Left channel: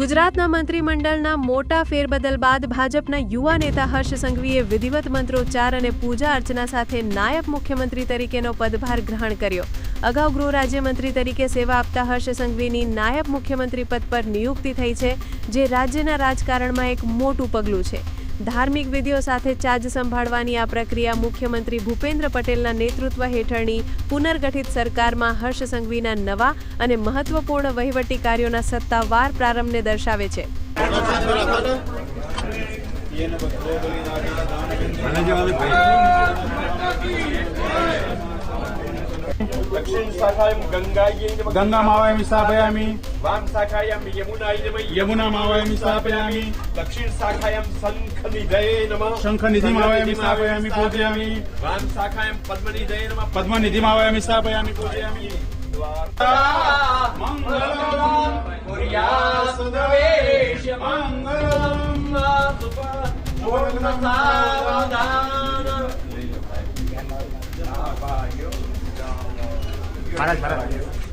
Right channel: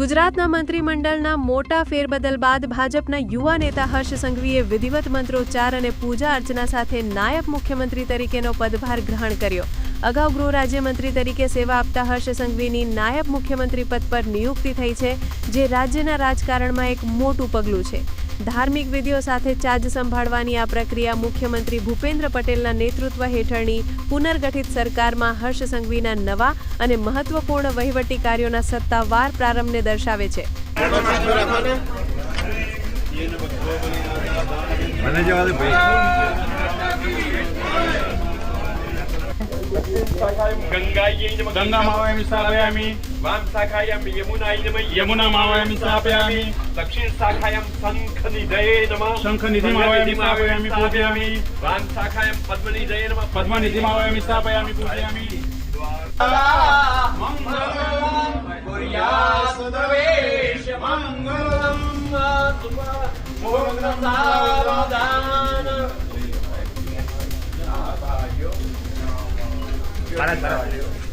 ગુજરાતના મંત્રીમંડળના મોટા ફેરબદલ બાદ ભાજપના યુવા નેતા હર્ષ સંઘવીએ વિધિવત મંત્રોચ્ચાર અને પૂજા અર્ચના સાથે નાયબ મુખ્યમંત્રી તરીકેનો પદભાર ગ્રહણ કર્યો. અગાઉ ગૃહ રાજ્યમંત્રી તરીકે સેવા આપતા હર્ષ સંઘવીની નાયબ મુખ્યમંત્રી પદ પર નિયુક્તિ થઈ છે, જે રાજ્યના રાજકારણમાં એક મોટું પગલું છે. ધાર્મિક વિધિઓ સાથે ચાર્જ સંભાળવાની આ પ્રક્રિયા મુખ્યમંત્રી ભૂપેન્દ્ર પટેલના નેતૃત્વ હેઠળની પુનર્ગઠિત સરકારમાં હર્ષ સંઘવીના નવા અને મહત્વપૂર્ણ વહીવટી કાર્યોના સત્તાવાર પ્રારંભને દર્શાવે છે. ભાઈ गंगा मावाय मी स्थापयामी वाम शाखायाम यमुनायै यमुना मावाय मी स्थापयामी दक्षिण शाखायाम शंख निधये नमः शंख निधि मावाय मी स्थापयामी पूजयामी वाम शाखायाम पद्म निधये नमः पद्म निधि मावाय मी स्थापयामी पूजयामी मंगलम कुर्यासुदवेश मंगलम शुभम सर्वदा 말하지 말아가지고